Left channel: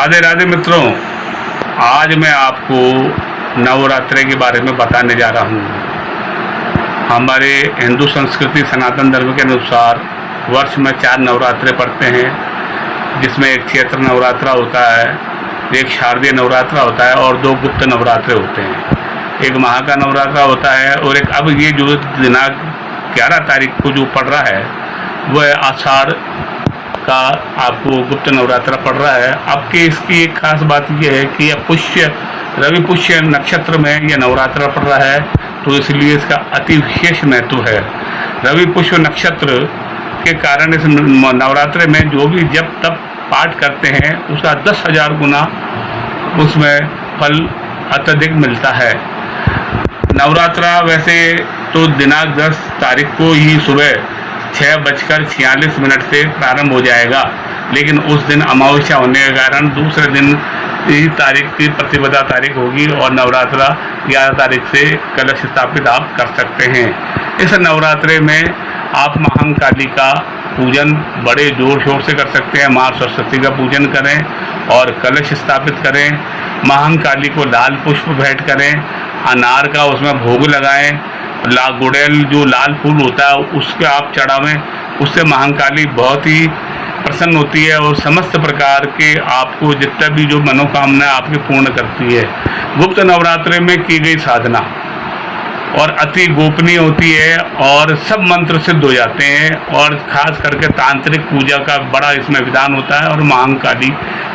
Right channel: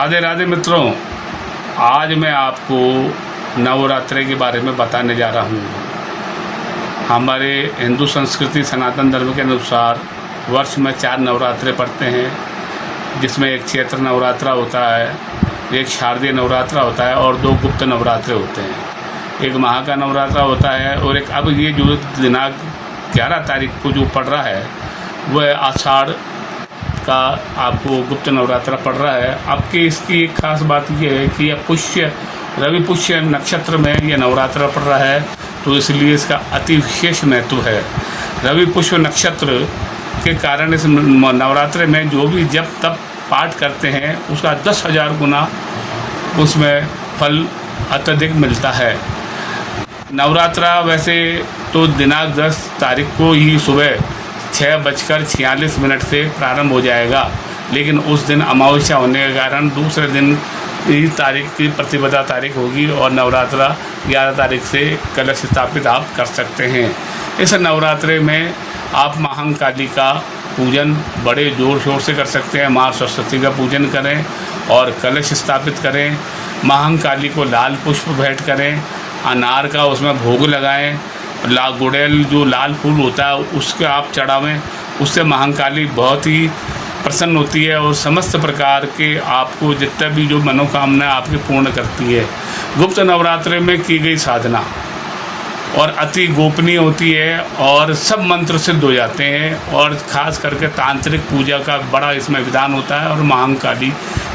राधे राधे मित्रों, आज मैं आपको नवरात्रि के बारे में बताने जा रहा हूँ। हमारे हिंदू संस्कृति सनातन धर्म के अनुसार वर्ष में 4 नवरात्रे पड़ते हैं, जिसमें एक चैत्र नवरात्रा होता है, एक शारदीय नवरात्रा होता है और 2 गुप्त नवरात्रे होते हैं। एक महा का नवरात्रा होता है और एक अब ये जो दिनांक 11 तारीख को जो पड़ रहा है वह आषाढ़ का आपको गुप्त नवरात्रा पड़ रहा है। आपके इसकी एक खास बात यह है कि यह रवि पुष्य नक्षत्र में यह नवरात्रा पड़ रहा है, तो इसलिए इसका अति विशेष महत्व है। रवि पुष्य नक्षत्र के कारण इस नवरात्रे में जो भी जब तब पाठ करते हैं उसका 10,000 गुना उसमें फल अत्यधिक मिलता है। नवरात्रा वैसे तो दिनांक 10 तारीख को ही सुबह 6:46 से प्रारंभ हो जाएगा, लेकिन उस दिन अमावस्या होने के कारण दूसरे दिन इस तारीख की प्रतिपदा तारीख होगी और नवरात्रा 11 तारीख से कलश स्थापित आप कर सकते हैं। इस नवरात्रे में आप महाकाली का पूजन बड़े जोर शोर से कर सकते हैं। माँ सरस्वती का पूजन करें और कलश स्थापित करें। महाकाली को लाल पुष्प भेंट करें, अनार का उसमें भोग लगाएं, गुड़ैल जो लाल फूल होता है उसके आप चढ़ावें। उससे महाकाली बहुत ही प्रसन्न होती है और समस्त प्रकार के आपको जितना भी जो मनोकामना आपकी पूर्ण करती है। गुप्त नवरात्रि में की गई साधना और अति गोपनीय होती है और सब मंत्र सिद्ध हो जाते हैं और ख़ास करके तांत्रिक पूजा का बड़ा इसमें विधान होता है और महाकाली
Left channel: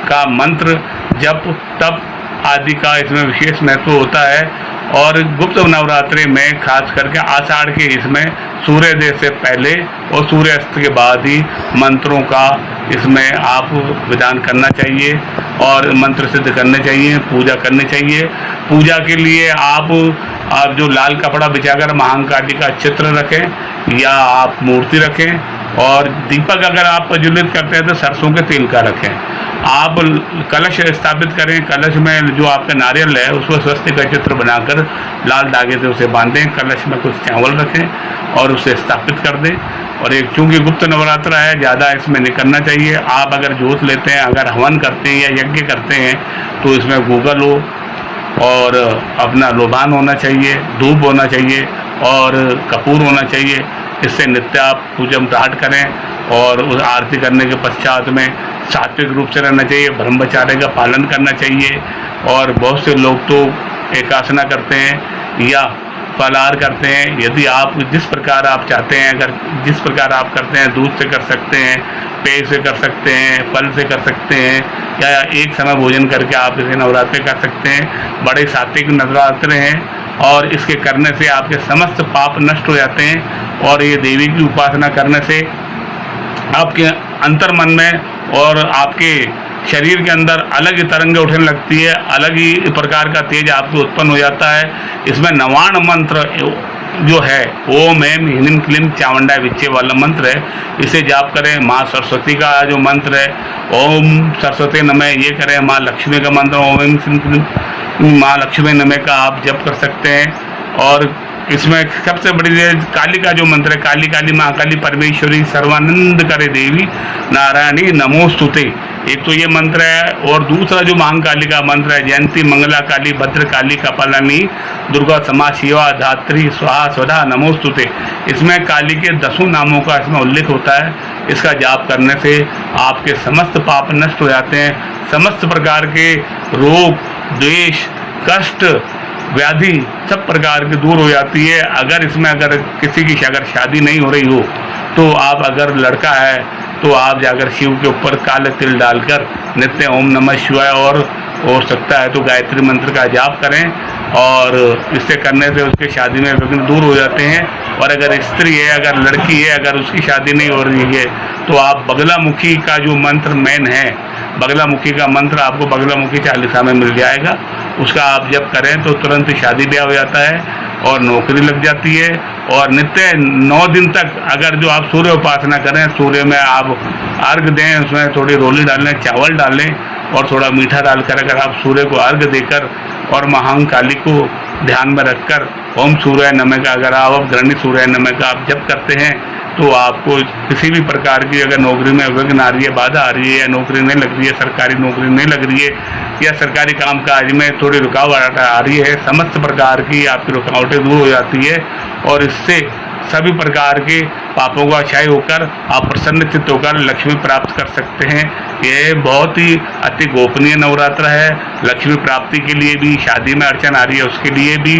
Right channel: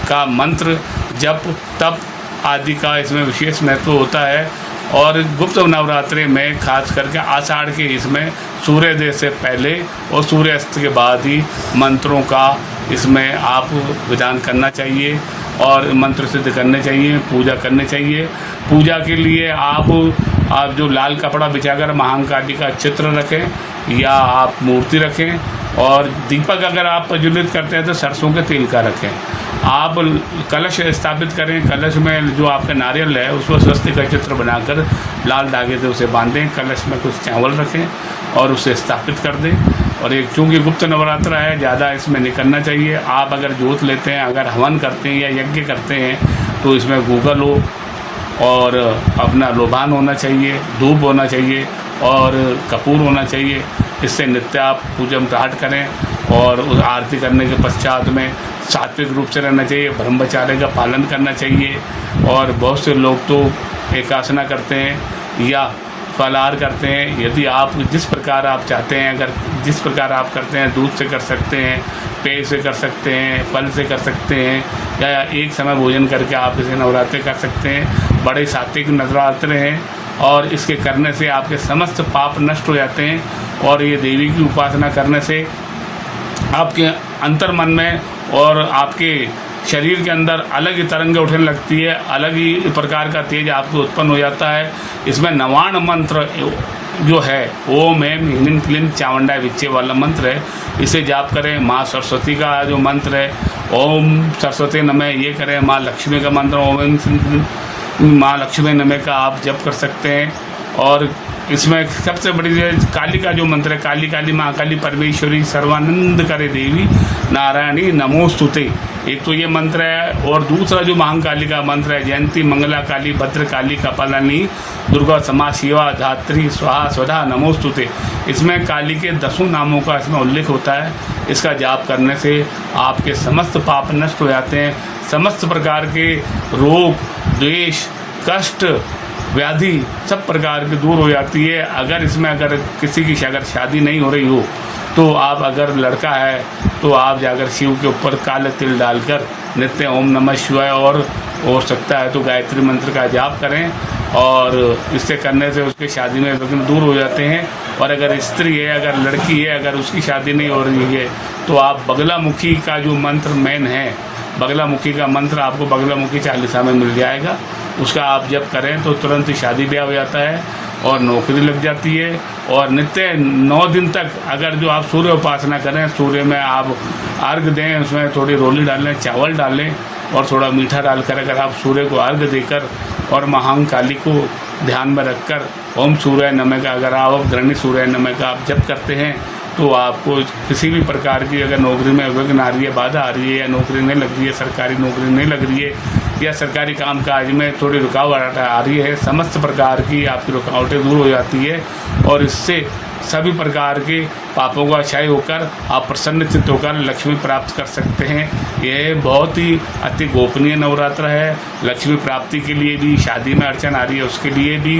का मंत्र जप तप आदि का इसमें विशेष महत्व होता है। और गुप्त नवरात्रि में खास करके आषाढ़ के इसमें सूर्योदय से पहले और सूर्यास्त के बाद ही मंत्रों का इसमें आप विधान करना चाहिए और मंत्र सिद्ध करने चाहिए, पूजा करनी चाहिए। पूजा के लिए आप जो लाल कपड़ा बिछाकर महाकाली का चित्र रखें या आप मूर्ति रखें और दीपक अगर आप प्रज्वलित करते हैं तो सरसों के तेल का रखें। आप कलश स्थापित करें, कलश में जो आपका नारियल है उसको स्वस्तिक का चित्र बनाकर लाल धागे से उसे बांधें, कलश में कुछ चावल रखें और उसे स्थापित कर दें। और एक चूँकि गुप्त नवरात्रा है, ज़्यादा इसमें नहीं करना चाहिए। आप अगर जोत लेते हैं, अगर हवन करते हैं या यज्ञ करते हैं तो इसमें गूगल हो और अपना लोबान होना चाहिए, धूप होना चाहिए और कपूर होना चाहिए। इससे नित्य आप पूजा पाठ करें और उस आरती करने के पश्चात में सात्विक रूप से रहना चाहिए, ब्रह्मचर्य का पालन करना चाहिए। और बहुत से लोग तो एकासना करते हैं या फलाहार करते हैं। यदि आप जिस प्रकार आप चाहते हैं, अगर जिस प्रकार आप करते हैं, दूध से कर सकते हैं, पेय से कर सकते हैं, फल से कर सकते हैं या एक समय भोजन करके आप इसे नवरात्रि कर सकते हैं। बड़े सात्विक नवरात्रे हैं और इसके करने से आपके समस्त पाप नष्ट हो जाते हैं। और ये देवी की उपासना करने से आपके अंतर मन में और आपके शरीर के अंदर अलग ही तरंगें उठने लगती है, अलग ही प्रकार का तेज आपको उत्पन्न हो जाता है। इसमें 99 मंत्र जो है ओम एम ह्रीं क्लीं चामुंडाय विच्चे वाला मंत्र है, इसे जाप करें। माँ सरस्वती का जो मंत्र है ओम सरस्वती नमः ये करें। माँ लक्ष्मी का मंत्र ओम क्लीं माँ लक्ष्मी नमः का आप जप कर सकते हैं। और इसमें सबसे बड़ी काली का जो मंत्र है काली काली महाकाली परमेश्वरी सर्वानंद करे देवी नारायणी नमोस्तुते, एक तो ये मंत्र है। और दूसरा जो महाकाली का मंत्र है जयंती मंगला काली भद्र काली कपालिनी दुर्गा क्षमा शिवा धात्री स्वाहा स्वधा नमोस्तुते। इसमें काली के 10 नामों का इसमें उल्लेख होता है। इसका जाप करने से आपके समस्त पाप नष्ट हो जाते हैं। समस्त प्रकार के रोग द्वेष कष्ट व्याधि सब प्रकार की दूर हो जाती है। अगर इसमें अगर किसी की अगर शादी नहीं हो रही हो तो आप अगर लड़का है तो आप जाकर शिव के ऊपर काले तिल डालकर नित्य ओम नमः शिवाय और हो सकता है तो गायत्री मंत्र का जाप करें और इससे करने से उसके शादी में विघ्न दूर हो जाते हैं। और अगर स्त्री है, अगर लड़की है, अगर उसकी शादी नहीं हो रही है तो आप बगलामुखी का जो मंत्र मेन है, बगलामुखी का मंत्र आपको बगलामुखी चालीसा में मिल जाएगा, उसका आप जब करें तो तुरंत शादी ब्याह हो जाता है और नौकरी लग जाती है। और नित्य 9 दिन तक अगर जो आप सूर्य उपासना करें, सूर्य में आप अर्घ दें, उसमें थोड़ी रोली डालें, चावल डालें और थोड़ा मीठा डालकर अगर आप सूर्य को अर्घ देकर और महाकाली को ध्यान में रखकर ओम सूर्य नमः का अगर आप ग्रहणी सूर्य नमः का आप जप करते हैं तो आपको किसी भी प्रकार की अगर नौकरी में विघ्न आ रही है, बाधा आ रही है, या नौकरी नहीं लग रही है, सरकारी नौकरी नहीं लग रही है, या सरकारी कामकाज में थोड़ी रुकावट आ रही है, समस्त प्रकार की आपकी रुकावटें दूर हो जाती है और इससे सभी प्रकार के पापों का क्षय होकर आप प्रसन्न चित्त होकर लक्ष्मी प्राप्त कर सकते हैं। ये बहुत ही अति गोपनीय नवरात्र है। लक्ष्मी प्राप्ति के लिए भी, शादी में अड़चन आ रही है उसके लिए भी,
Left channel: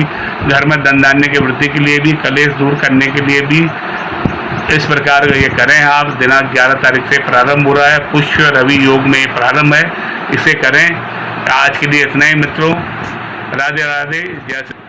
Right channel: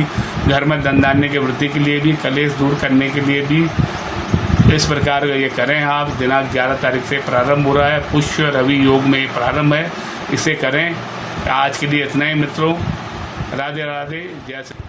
घर में धन धान्य की वृद्धि के लिए भी, कलेश दूर करने के लिए भी इस प्रकार ये करें आप। दिनांक 11 तारीख से प्रारंभ हो रहा है, पुष्य रवि योग में प्रारंभ है, इसे करें। आज के लिए इतना ही मित्रों, राधे राधे, जय श्री।